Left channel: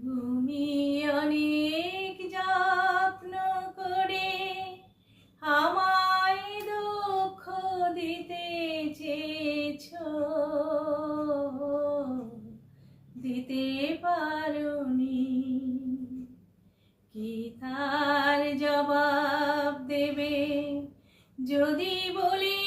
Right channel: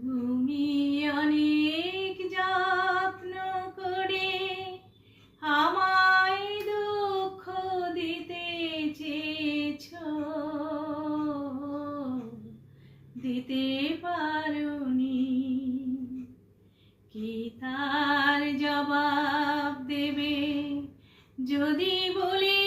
তুমি অনেক যত্ন করে আমায় দুঃখ দিতে চেয়েছো, দিতে পারোনি। কি তার জবাব দেবে যদি বলি